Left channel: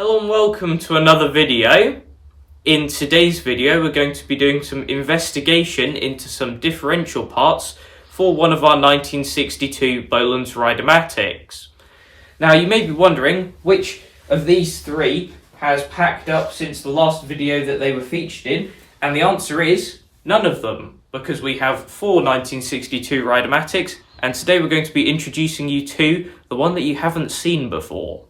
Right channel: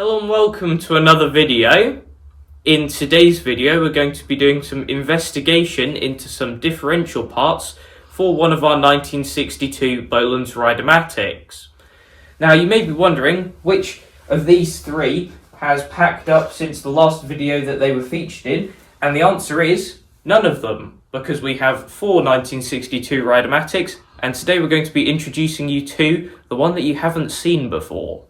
Hello and welcome to another video. In today's video we're going to be doing some investigation into some differential parts for one of our 1962 Bolens Ride-a-matics. Now you may be wondering which of these three has packed up since the last video that they were featured in, and the answer is none of them, because we have four 1962 Rideamatics, and today we're going to be introducing you to the one that you haven't seen before.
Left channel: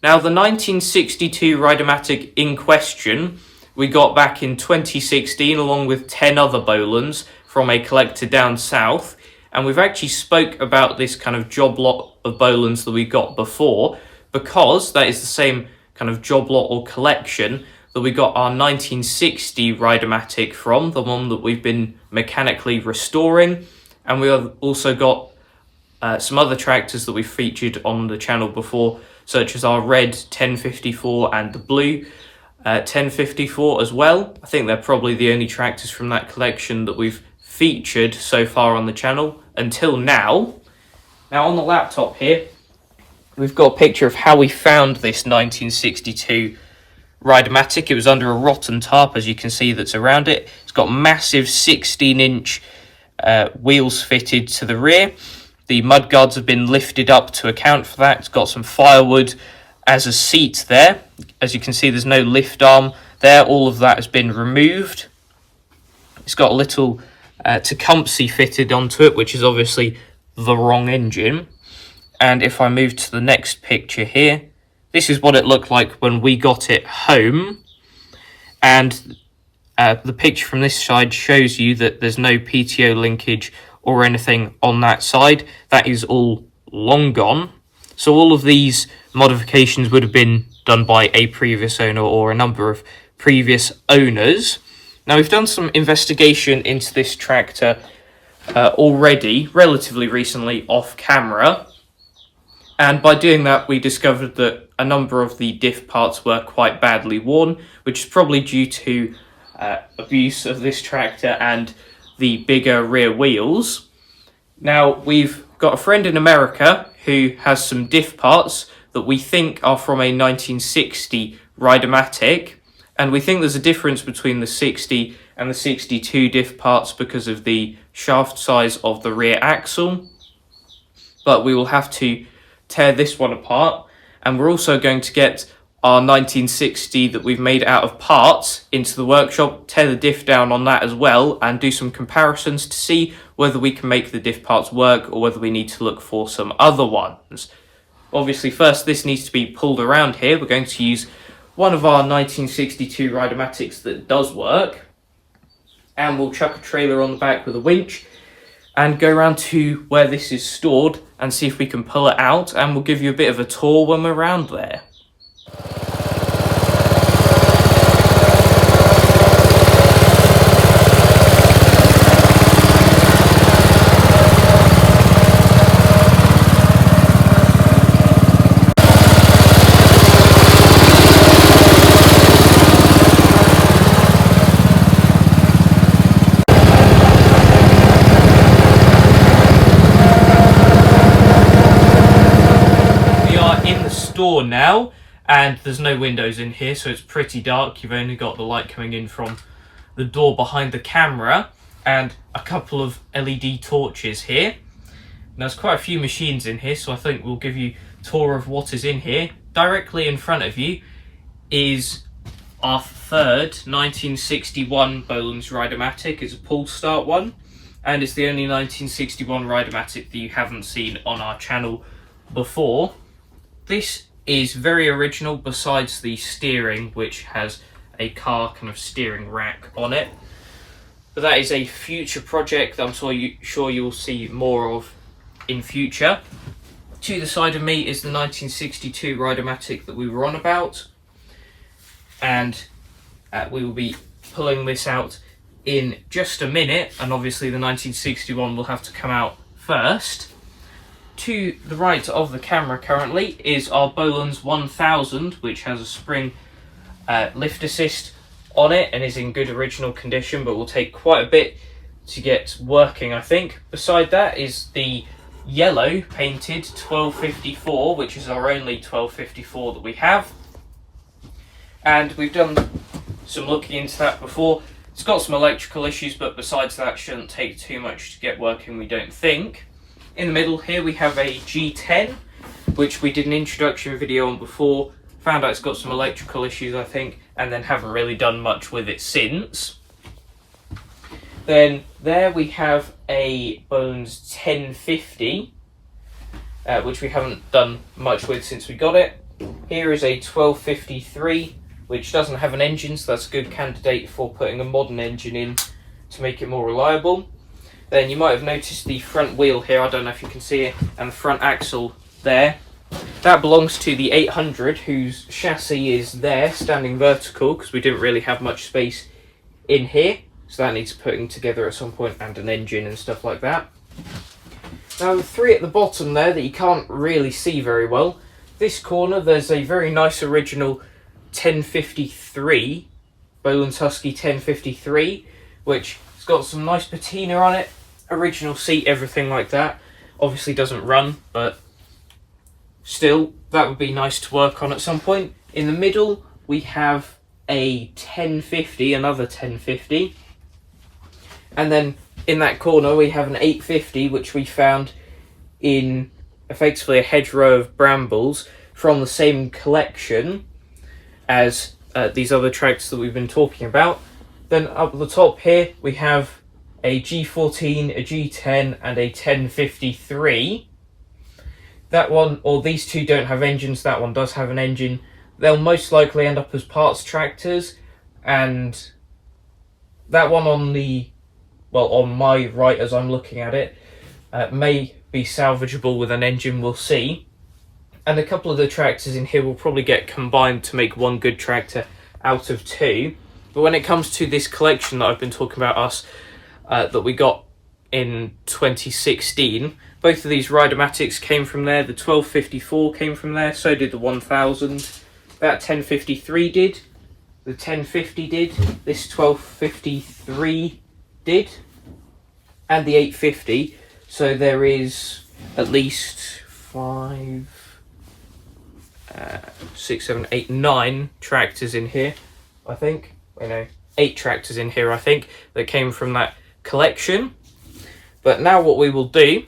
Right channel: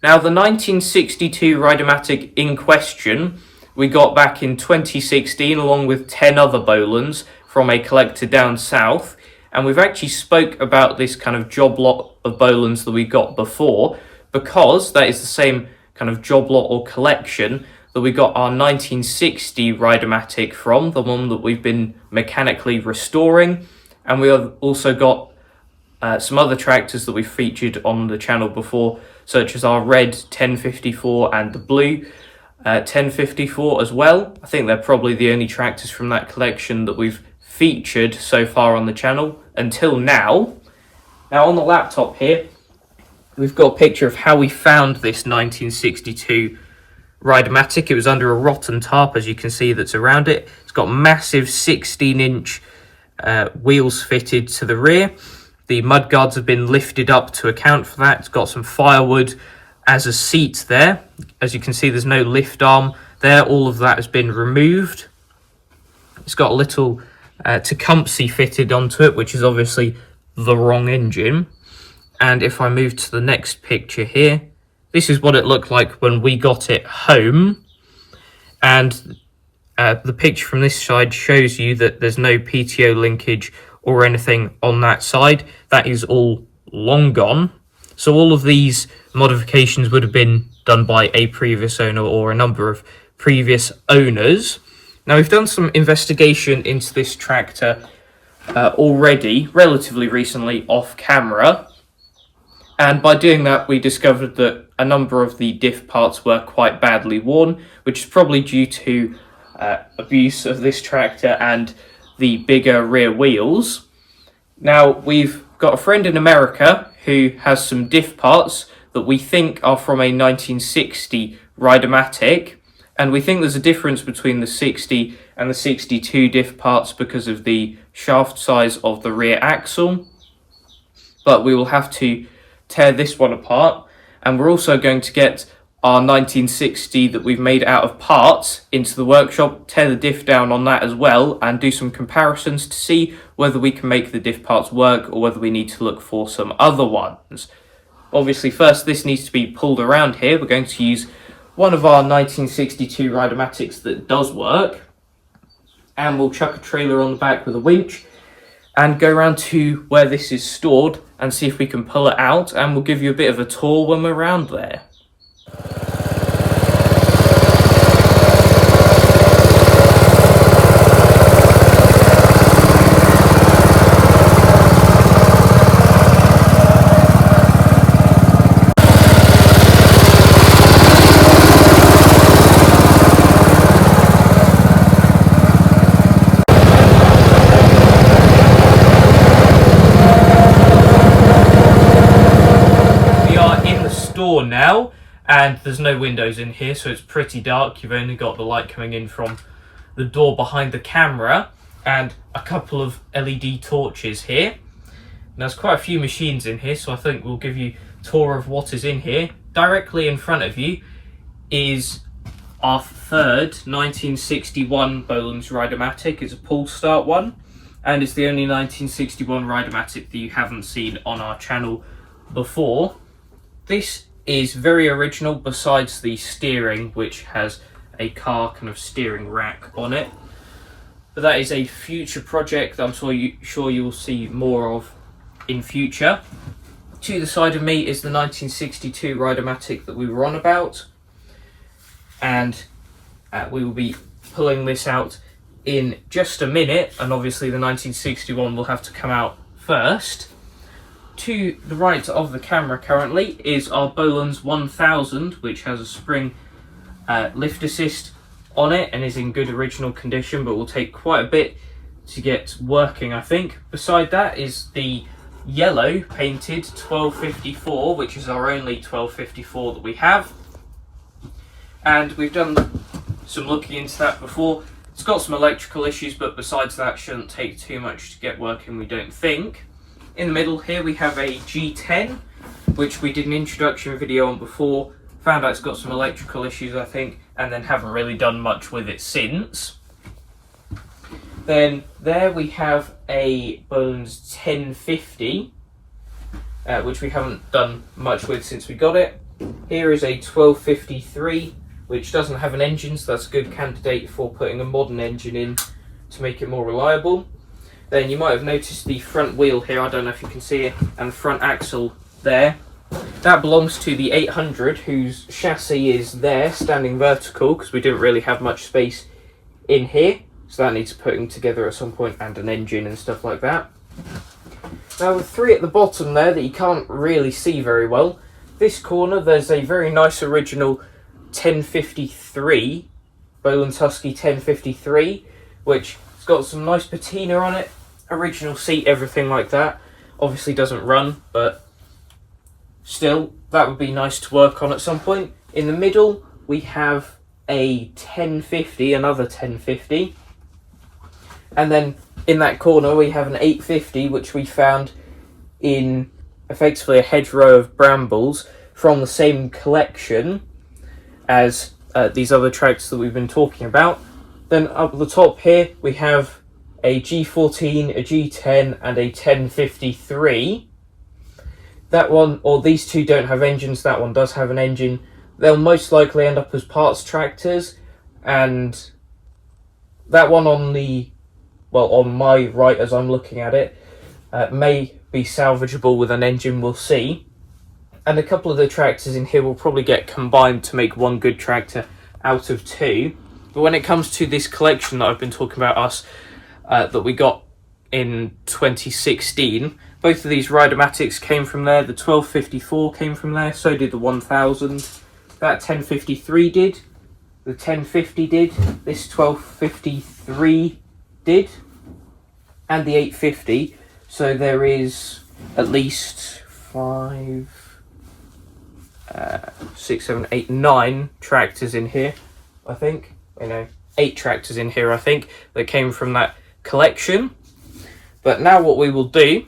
Now, the 1962 Rideamatic in question we got back in 2016 along with 10 other Bolens from a collector down south, and we've actually spoke about this kind of job lot of Bolens that we got before, because that is the same kind of job lot or collection that we got our 1960 Rideamatic from, the one that we've been mechanically restoring. And we have also got some other tractors that we featured on the channel before, such as our red 1054 and the blue 1054 as well. I think they're probably the only tractors from that collection that we've featured so far on the channel until now. Now on the laptop here, we've got a picture of how we found this 1962 Rideamatic. It was under a rotten tarp, as you can see, that's around it. It's got massive 16-inch wheels fitted to the rear. The mudguards have been lifted up to account for that. It's got some firewood as a seat there. As you can see, there's no lift arm there. All of that has been removed. It's got a little Tecumseh fitted onto it, which is obviously the wrong engine. And if I move to the next picture here, this is what it looked like when we got it home. And the picture from this side shows you that there's no PTO linkage or anything on that side. That is all long gone. So all of these modifications would have been done by a previous owner or a number of previous owners. Now, we've done some investigation into this tractor already, relatively recently, off camera. And by doing that, we discovered that a number of the diff parts were quite badly worn, which is probably due to abuse of this tractor and the bigger rear wheels. Now, we've got a friend in America who has some diff parts that we think are from a 1960 Rideamatic, and we think there's a difference between the 60 and the 62 diff parts because of the shaft size of the rear axle. But we will have to tear this one apart, and we're also going to get our 1960 that we've made out of parts into the workshop, tear the diff down on that as well, and do some comparisons to see whether we can make the diff parts work or whether we need to look for some other ones. Obviously, first this needs to be pulled around here. We're going to use one of our 1962 Rideamatics that does work, and we'll chuck a trailer on the back with a winch and go around to where this is stored and see if we can pull it out, and we'll give you a bit of a tour when we're around there. Now, and there's no windows in here, so it's pretty dark. You've only got the light coming in from the door behind the camera and a couple of LED torches here. And there's quite a few machines in here, so I think we'll give you a tour of what is in here. Directly in front of you is our third 1961 Bolens Ride-a-matic. It's a pull start one, and it's the only 1961 Rideamatic that you haven't seen on our channel before. This is very original, besides the steering, which has a car kind of steering rack on it. But that is a future project that I'm sure you'll see more of in future. To the side of me is the 1962 Rideamatic that we were on about, and We will be pulling this out in just a minute, and obviously the 1961 will have to come out first. To the right of the camera currently is our Bolens 1000, which has a spring lift assist on it and is in good original condition, but will take quite a bit to get working, I think. Beside that is the yellow painted 1254, which is our only 1254 that we have, and we've done some looking into that before. It's got some electrical issues, but besides that, shouldn't take too much to get working, we don't think. In the middle here we have a G10, which we did an introduction video on before, found out it's got some electrical issues, I think, and then haven't really done much with it since. Then there we have a Bolens 1050, which we haven't done much with since we got it. Here is a 1253, which doesn't have an engine, so that's a good candidate for putting a modern engine in to make it more reliable. Then you might have noticed the front wheel here, I don't know if you can see it, and the front axle there. That belongs to the 800, whose chassis is there, standing vertical, because we didn't really have much space in here. So that needs putting together at some point, and an engine and stuff like that. Now the three at the bottom there that you can't really see very well. This corner there's a very nice original 1053, Bolens Husky 1053, which has got some nice patina on it, original seat, everything like that. Obviously doesn't run, but still, that would be nice to work on at some point. In the middle we have a 1050, another 1050. And then in that corner we have an 850, which we found in effectively a hedgerow of brambles from the same collection as these other tracks that we've been talking about. Then up at the top here we have a G14, a G10 and a 1053. That one, or these two, don't have engines, that one does have an engine. They'll most likely end up as parts tractors, and that one on the, well, on my right as I'm looking at it, may be salvageable with an engine, we'll see. And a couple of the tractors in here will probably get combined to make one good tractor out of two. But when it comes to this collection that I've been talking about that we got in 2016, both of these Rideamatics came from there. The 1254 came from there, so did the 1000. That 1053 did, the 1050 did, this 1253 did, and the 850. So there is at least 5, 6, 7, 8, 9 tractors in here, I think. 8 tractors in here, I think, that came from that collection. But now what we will do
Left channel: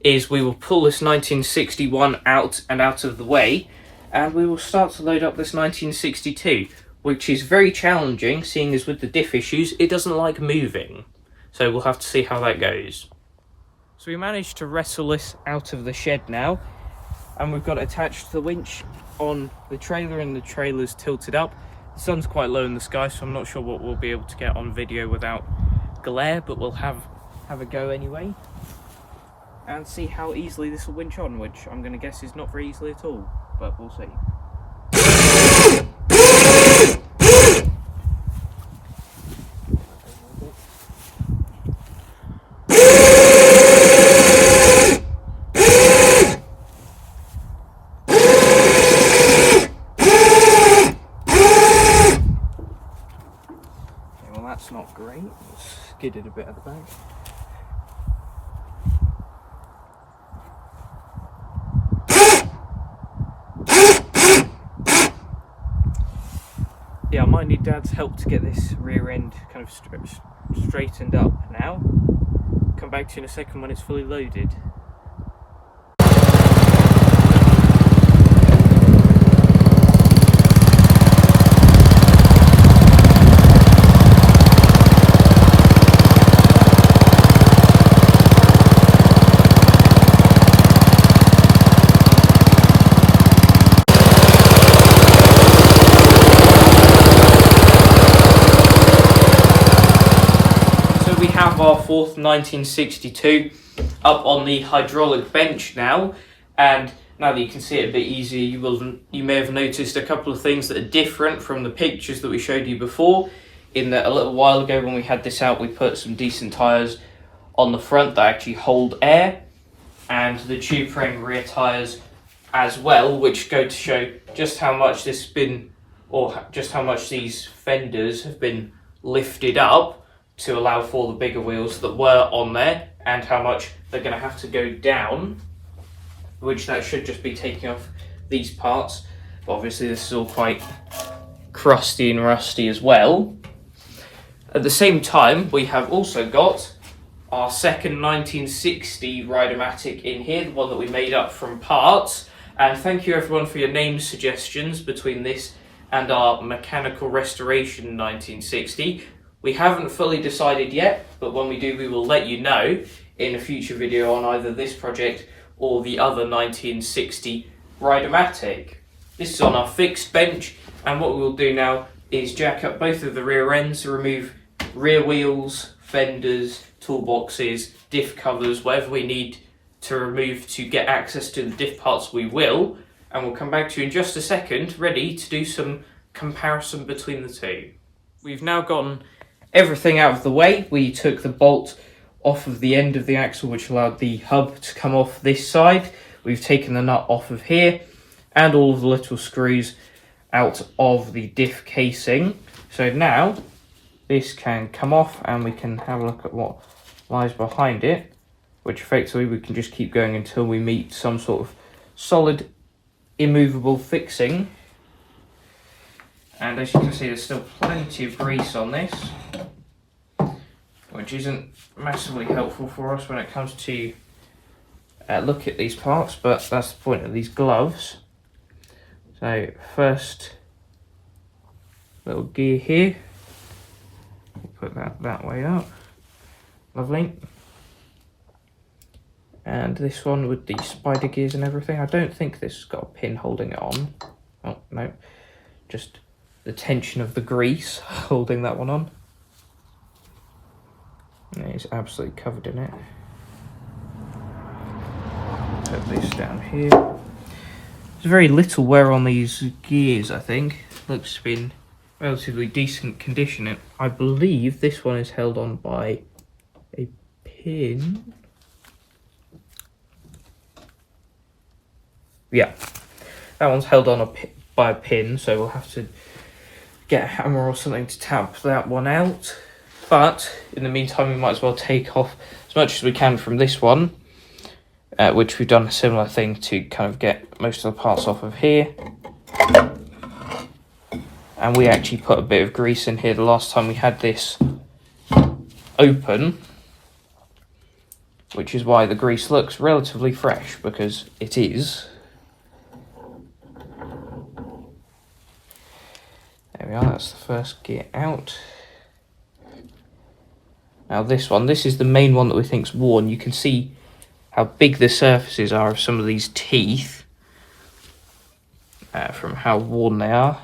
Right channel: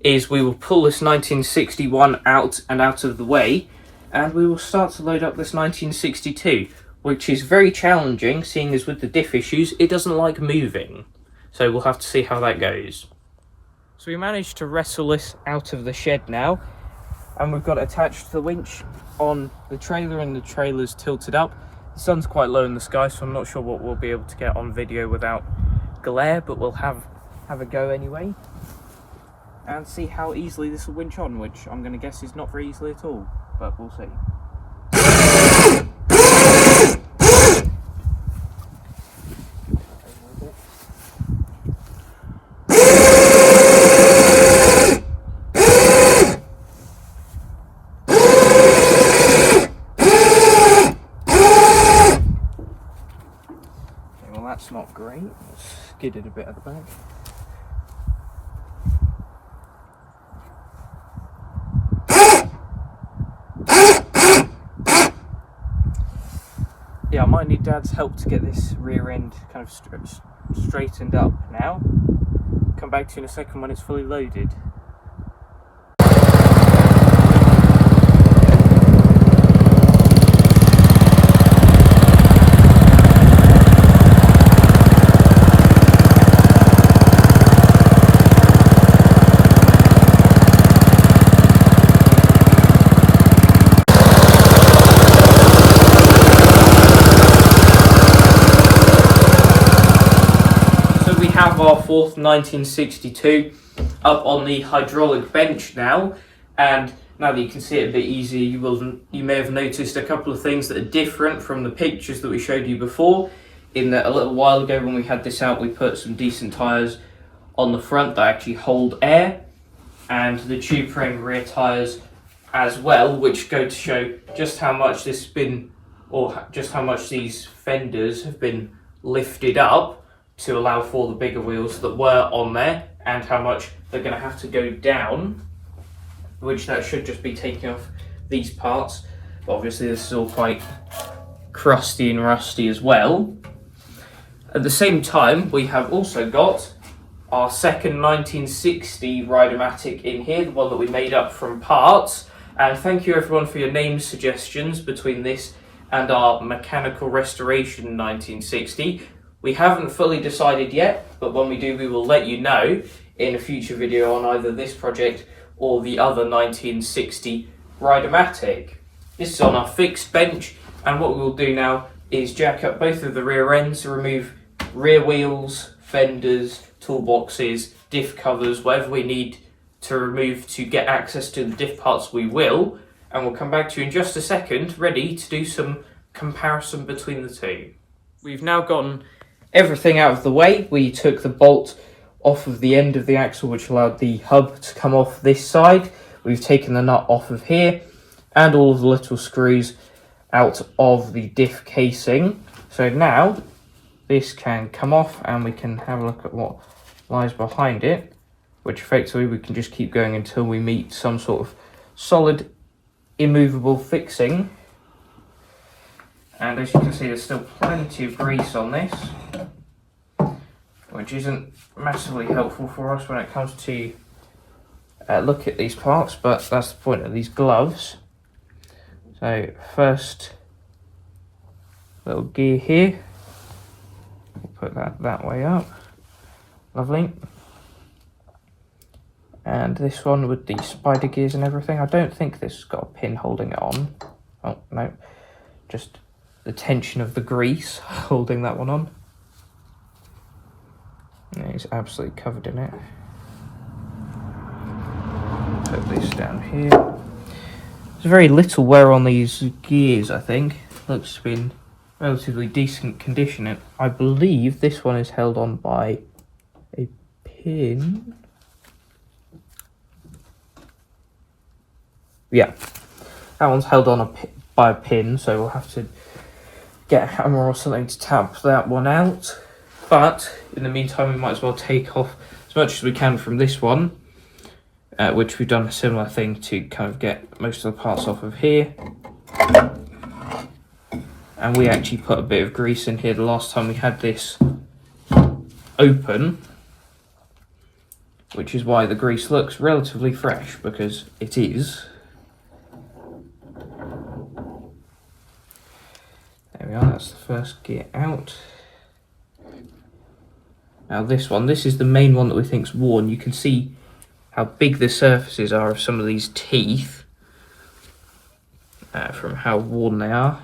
is we will pull this 1961 out of the way, and we will start to load up this 1962, which is very challenging, seeing as with the diff issues, it doesn't like moving. So we'll have to see how that goes. So we managed to wrestle this out of the shed now, and we've got it attached to the winch on the trailer, and the trailer's tilted up. The sun's quite low in the sky, so I'm not sure what we'll be able to get on video without glare, but we'll have a go anyway and see how easily this will winch on, which I'm going to guess is not very easily at all, but we'll see. Okay, well that's not great. It's skidded a bit at the back. Yeah, I might need Dad's help to get this rear end kind of straightened up now. Come back to you in a second when it's fully loaded. Have our fourth 1962 up on the hydraulic bench now, and Now that you can see it a bit easier, you may have noticed a couple of things that are different from the pictures that we showed you before. In that a little while ago when we had this out, we put some decent tyres on the front that actually hold air, and the tube frame rear tyres as well, which go to show just how much this has been, or just how much these fenders have been lifted up to allow for the bigger wheels that were on there, and how much they're going to have to go down, which that should just be taking off these parts. But obviously this is all quite crusty and rusty as well. At the same time, we have also got our second 1960 Rideamatic in here, the one that we made up from parts. And thank you everyone for your name suggestions between this and our mechanical restoration 1960. We haven't fully decided yet, but when we do, we will let you know in a future video on either this project or the other 1960 Rideamatic. This is on our fixed bench, and what we will do now is jack up both of the rear ends, remove rear wheels, fenders, toolboxes, diff covers, whatever we need to remove to get access to the diff parts, we will, and we'll come back to you in just a second, ready to do some comparison between the two. We've now gotten everything out of the way. We took the bolt off of the end of the axle, which allowed the hub to come off this side. We've taken the nut off of here, and all of the little screws out of the diff casing. So now this can come off and we can have a look at what lies behind it, which effectively we can just keep going until we meet some sort of solid immovable fixing. And as you can see, there's still plenty of grease on this, which isn't massively helpful for us when it comes to look at these parts, but that's the point of these gloves. So first little gear here, we'll put that way up, lovely. And this one with the spider gears and everything, I don't think this has got a pin holding it on. Oh no, just the tension of the grease holding that one on. Yeah, it's absolutely covered in it. Put this down here. There's very little wear on these gears, I think. Looks to be in relatively decent condition. And I believe this one is held on by a pin. Yeah, that one's held on by a pin, so we'll have to get a hammer or something to tap that one out. But in the meantime, we might as well take off as much as we can from this one, which we've done a similar thing to kind of get most of the parts off of here. And we actually put a bit of grease in here the last time we had this open, which is why the grease looks relatively fresh, because it is. There we are, that's the first gear out. Now this is the main one that we think's worn. You can see how big the surfaces are of some of these teeth from how worn they are.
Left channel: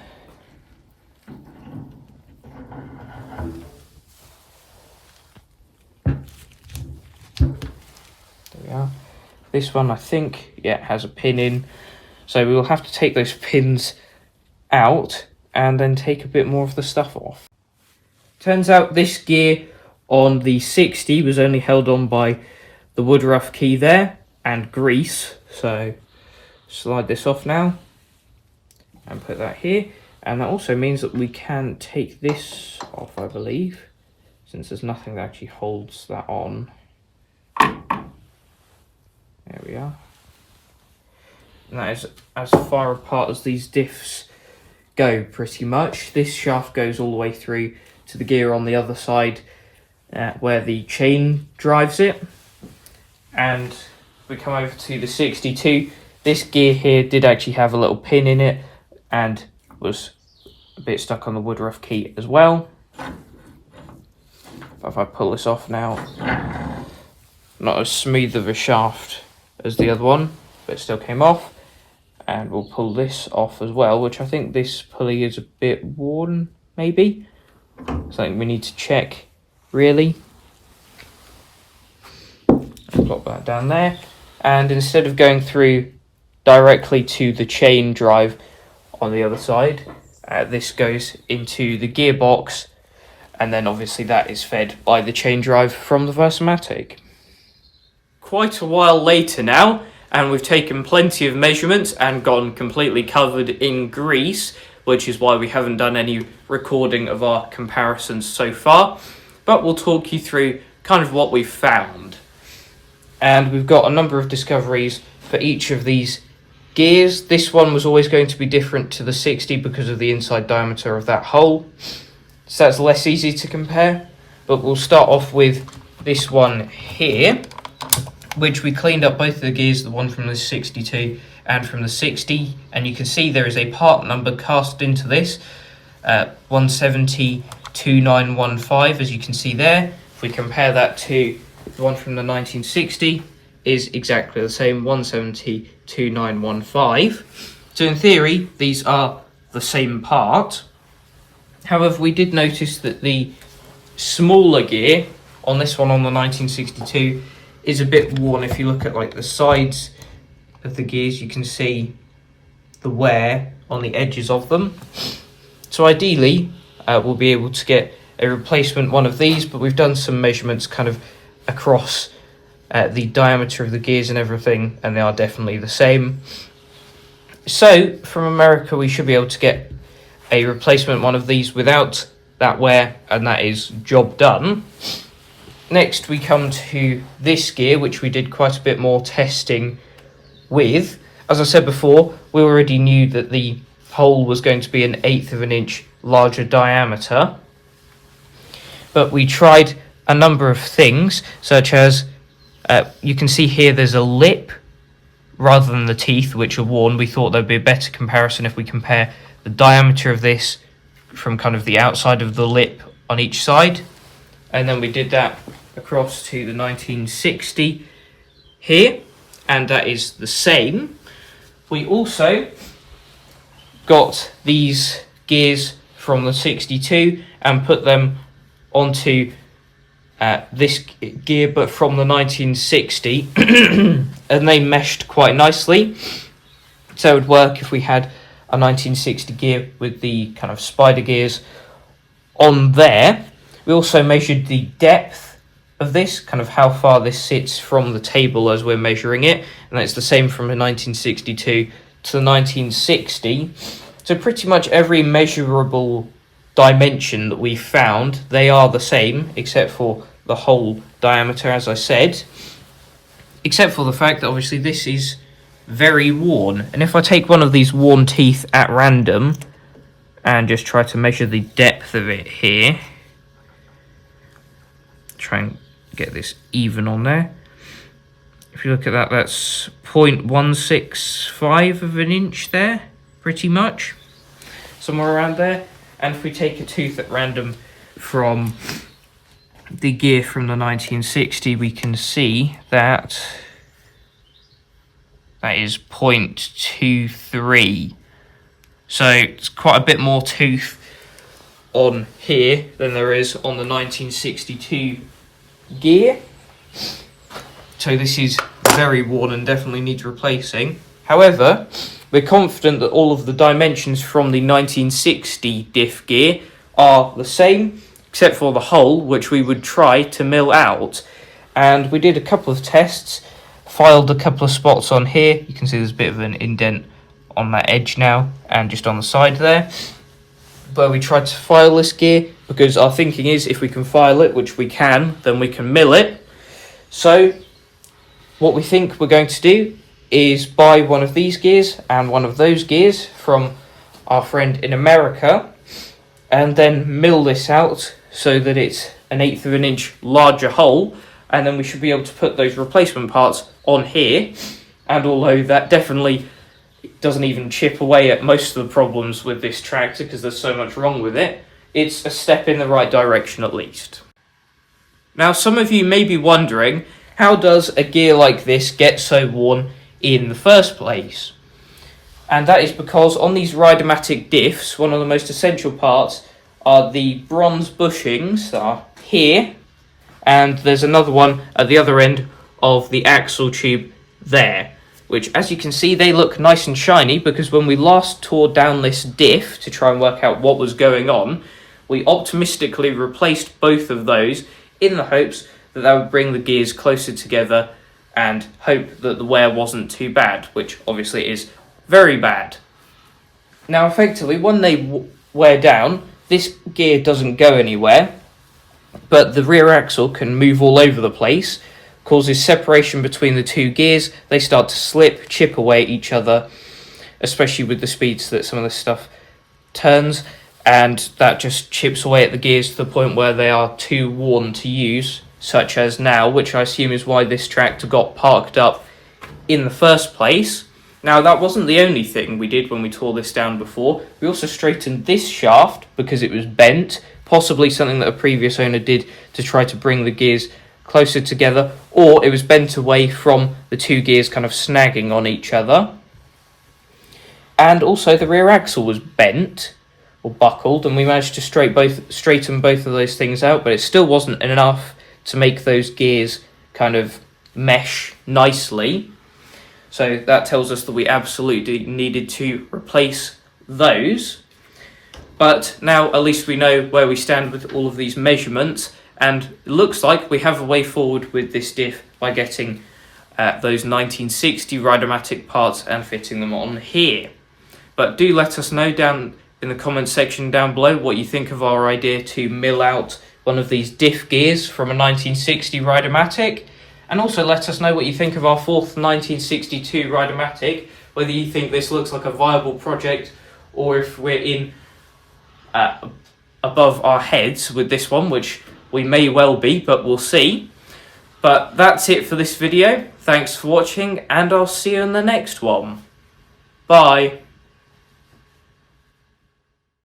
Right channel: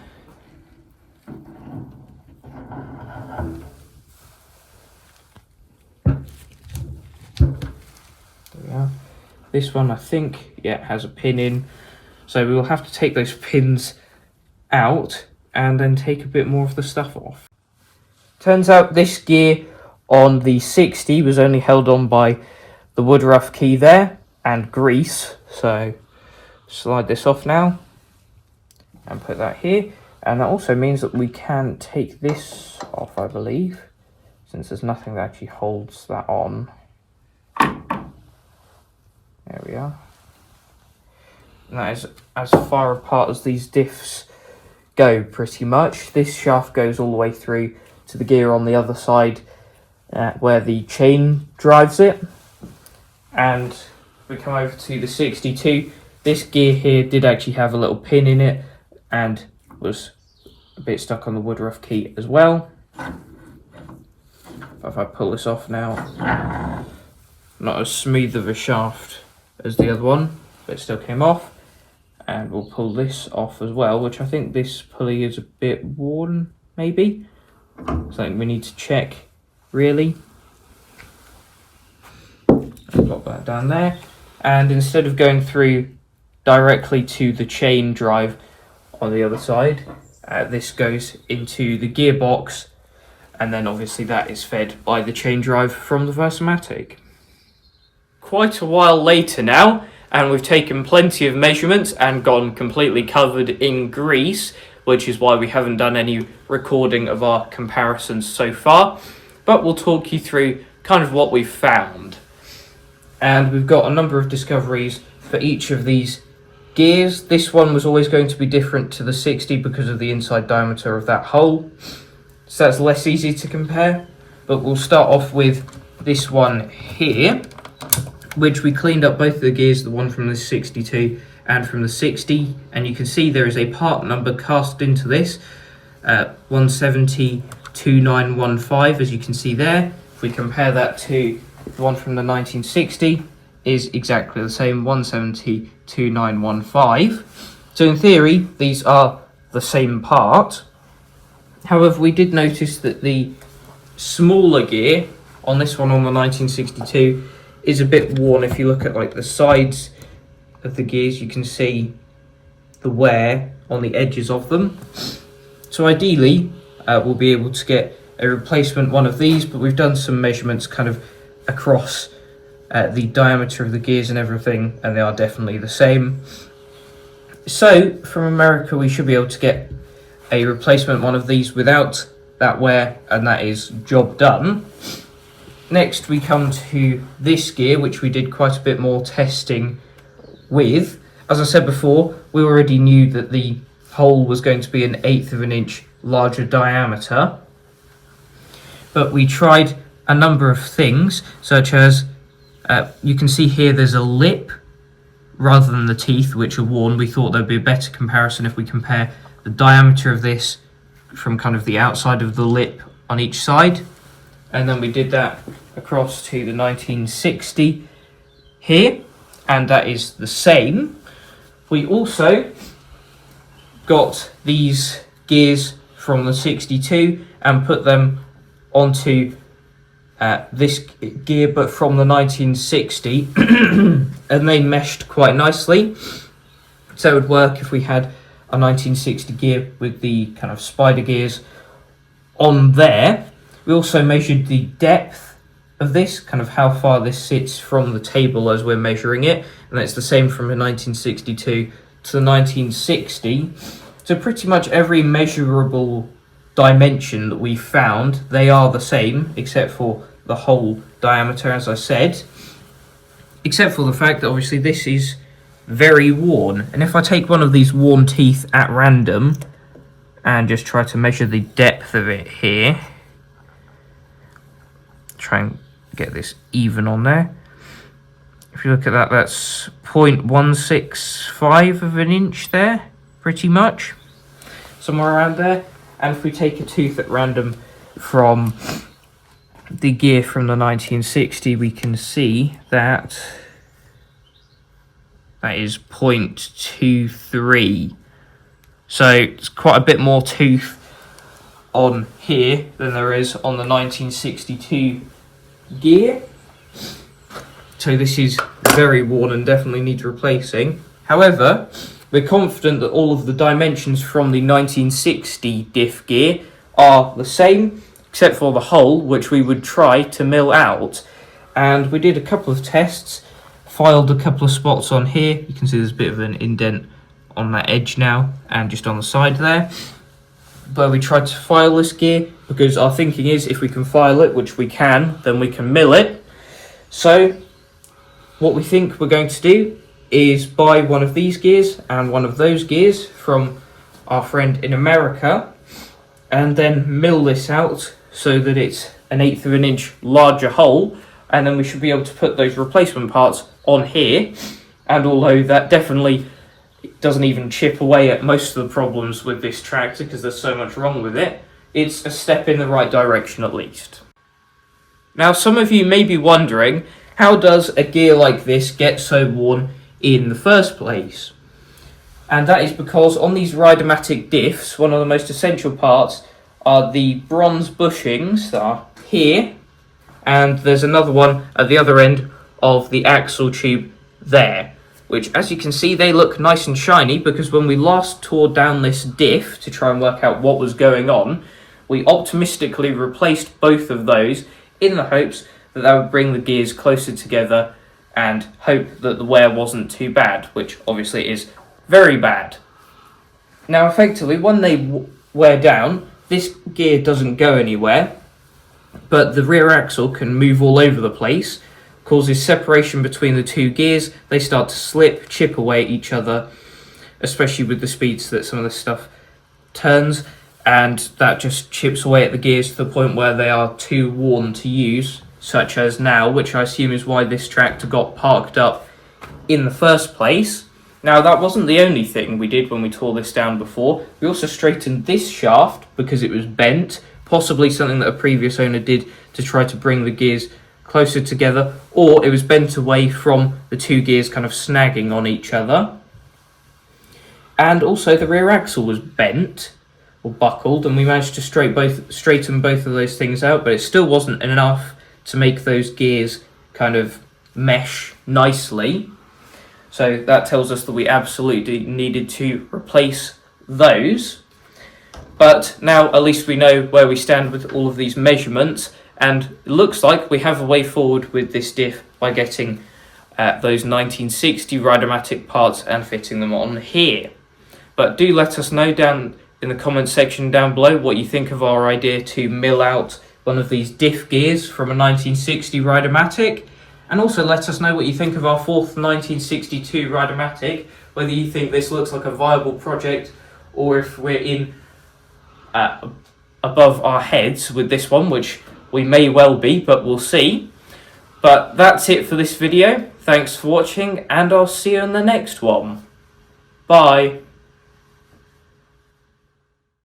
There we are. This one, I think, yeah, has a pin in. So we will have to take those pins out and then take a bit more of the stuff off. Turns out this gear on the 60 was only held on by the wood rough key there and grease. So slide this off now and put that here. And that also means that we can take this off, I believe, since there's nothing that actually holds that on. There we are. And that is as far apart as these diffs go, pretty much. This shaft goes all the way through to the gear on the other side where the chain drives it. And we come over to the 62. This gear here did actually have a little pin in it and was a bit stuck on the wood rough key as well. But if I pull this off now, not as smooth of a shaft as the other one, but it still came off. And we'll pull this off as well, which I think this pulley is a bit worn, maybe. Something we need to check, really. I'll pop that down there. And instead of going through directly to the chain drive on the other side. This goes into the gearbox, and then obviously that is fed by the chain drive from the Disassembling. Quite a while later now, and we've taken plenty of measurements and gone completely covered in grease, which is why we haven't done any recording of our comparisons so far, but we'll talk you through kind of what we've found. And we've got a number of discoveries for each of these gears. This one was always going to be different to the 60 because of the inside diameter of that hole, so that's less easy to compare. But we'll start off with this one here, which we cleaned up both of the gears, the one from the 62 and from the 60, and you can see there is a part number cast into this, 1702915, as you can see there. If we compare that to the one from the 1960, is exactly the same, 1702915. So in theory, these are the same part. However, we did notice that the smaller gear on this one, on the 1962, is a bit worn. If you look at like the sides of the gears, you can see the wear on the edges of them. So ideally, we'll be able to get a replacement one of these, but we've done some measurements kind of across the diameter of the gears and everything, and they are definitely the same. So from America, we should be able to get a replacement one of these without that wear, and that is job done. Next, we come to this gear, which we did quite a bit more testing with. As I said before, we already knew that the hole was going to be 1/8 of an inch larger diameter, but we tried a number of things, such as you can see here there's a lip rather than the teeth, which are worn. We thought there'd be a better comparison if we compare the diameter of this from kind of the outside of the lip on each side, and then we did that across to the 1960 here, and that is the same. We also got these gears from the 62 and put them onto this gear, but from the 1960, and they meshed quite nicely. So it would work if we had a 1960 gear with the kind of spider gears on there. We also measured the depth of this, kind of how far this sits from the table as we're measuring it, and that's the same from the 1962 to the 1960. So pretty much every measurable dimension that we found, they are the same, except for the hole diameter, as I said, except for the fact that obviously this is very worn. And if I take one of these worn teeth at random and just try to measure the depth of it here, try and get this even on there. If you look at that, that's 0.165 of an inch there, pretty much, somewhere around there. And if we take a tooth at random from the gear from the 1960, we can see that that is 0.23. So it's quite a bit more tooth on here than there is on the 1962 gear. So this is very worn and definitely needs replacing. However, we're confident that all of the dimensions from the 1960 diff gear are the same, except for the hole, which we would try to mill out. And we did a couple of tests, filed a couple of spots on here. You can see there's a bit of an indent on that edge now, and just on the side there, where we tried to file this gear, because our thinking is if we can file it, which we can, then we can mill it. So what we think we're going to do is buy one of these gears and one of those gears from our friend in America, and then mill this out so that it's 1/8 of an inch larger hole, and then we should be able to put those replacement parts on here. And although that definitely doesn't even chip away at most of the problems with this tractor because there's so much wrong with it, it's a step in the right direction at least. Now, some of you may be wondering, how does a gear like this get so worn in the first place? And that is because on these Rideamatic diffs, one of the most essential parts are the bronze bushings that are here, and there's another one at the other end of the axle tube there. which, as you can see, they look nice and shiny, because when we last tore down this diff to try and work out what was going on, we optimistically replaced both of those in the hopes that that would bring the gears closer together and hope that the wear wasn't too bad, which obviously is very bad. Now, effectively, when they wear down, this gear doesn't go anywhere, but the rear axle can move all over the place, causes separation between the two gears. They start to slip, chip away at each other, especially with the speeds that some of this stuff turns, and that just chips away at the gears to the point where they are too worn to use, such as now, which I assume is why this tractor got parked up in the first place. Now, that wasn't the only thing we did when we tore this down before. We also straightened this shaft because it was bent, possibly something that a previous owner did to try to bring the gears closer together, or it was bent away from the two gears kind of snagging on each other. And also the rear axle was bent or buckled, and we managed to straighten both of those things out, but it still wasn't enough to make those gears kind of mesh nicely. So that tells us that we absolutely needed to replace those. But now at least we know where we stand with all of these measurements, and it looks like we have a way forward with this diff by getting those 1960 Rideamatic parts and fitting them on here. But do let us know down in the comments section down below what you think of our idea to mill out one of these diff gears from a 1960 Rideamatic, and also let us know what you think of our fourth 1962 Rideamatic, whether you think this looks like a viable project or if we're in above our heads with this one, which we may well be, but we'll see. But that's it for this video. Thanks for watching, and I'll see you in the next one. Bye.